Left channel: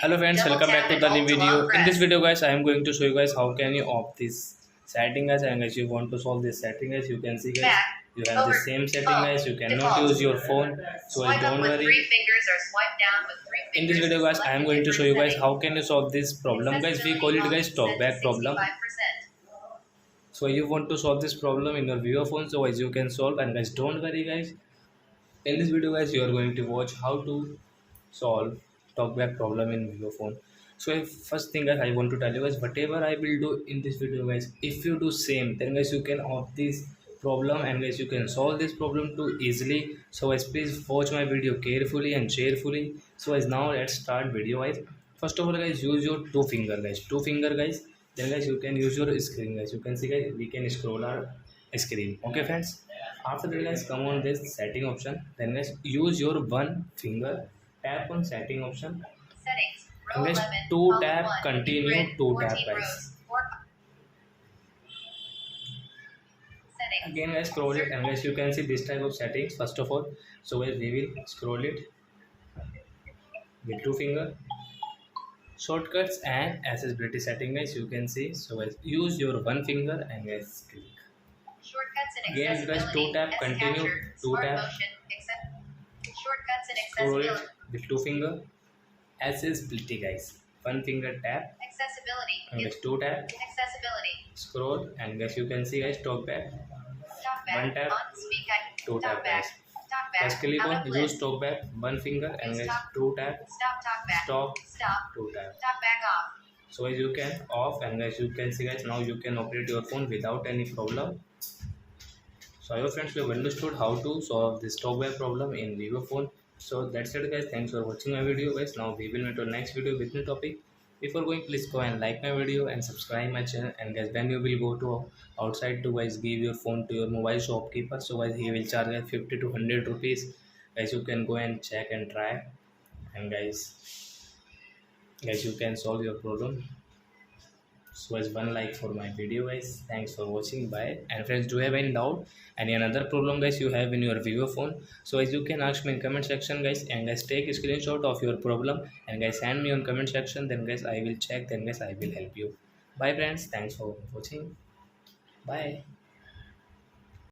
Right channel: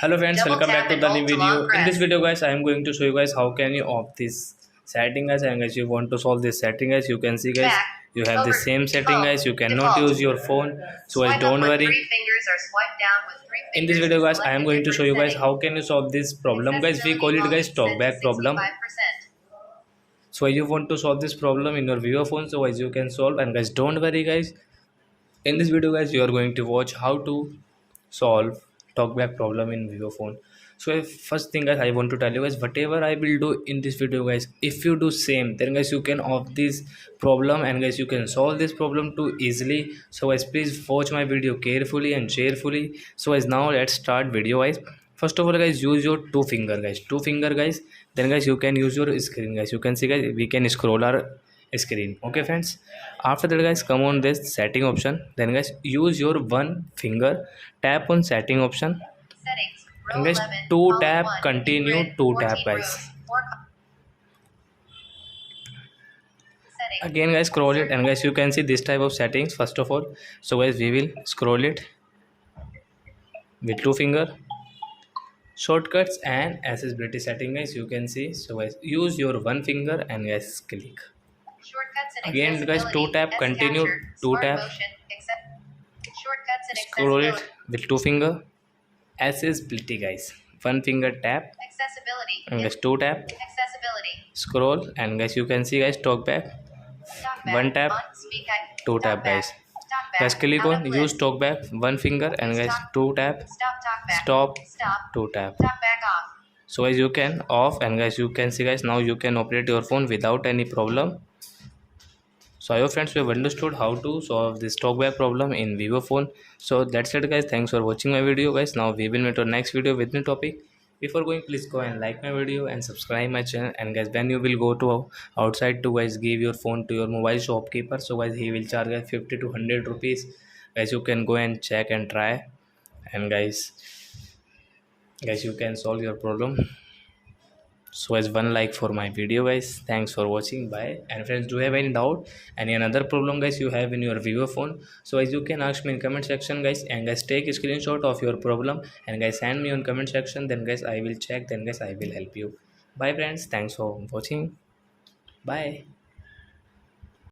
Hello friends, welcome back to the new video. In this video guys, I am going to show you guys how can you off this setting guys, and guys you want to solve this setting guys. You can see guys, you have the same setting guys. You cannot use your phone, so guys don't worry. In this video guys, I am going to show you guys how can you solve this problem guys. We call it guys talkback problem. So you want to solve this problem in your Vivo phone, so guys you can solve, and guys don't worry guys. In this video guys, you are going to watch how to solve talkback problem in Vivo phone. So first thing guys, I want to tell you guys, whatever I will do in this video guys, if you do same, then guys you can off this problem, and guys you can solve this problem too easily. So guys please watch my video carefully and cheerfully. So guys now let's start video guys. First of all guys, use your two finger guys. Then guys you can use your screen guys. You can see guys, we can scroll our screen. Okay friends, after that guys, come on this setting option. Then guys use your one finger, tap on setting option, and guys two tap, continue two tap guys. Again guys scroll it, and guys you can see this type of settings first of all. So guys we will scroll it with two finger, shortcuts and accessibility setting guys, you can see. So guys use your one finger and guys click. Again guys two tap, continue two tap, scroll it with two finger, accessibility guys, one finger tap, and guys two tap, scroll, and guys you can see guys talkback, one tap, two tap guys. Guys click on use talkback, one finger, and guys two tap, stop, two tap. So guys you can off, and guys you can see guys now you can operate your phone without any problem. So I hope friends we have understood how to solve this talkback problem in Vivo phone. So that's it guys, thanks for watching my video guys. Now we will meet our next video with new topic. Before going, please go and like my video and subscribe my channel. And guys when you will go to outside to guys give your phone to your mobile shopkeeper, so guys he will charge 50 to 100 rupees. Guys you can go and check and try, and guys you can solve your problem. So as one like for my video guys, thanks for watching, bye. And friends, do you have any doubt, any another problem guys you have in your Vivo phone, so as you can ask me in comment section guys, and guys take a screenshot of your problem and guys send me on comment section. Then guys I will check, then guys I will help you. Bye friends, thanks for watching, bye.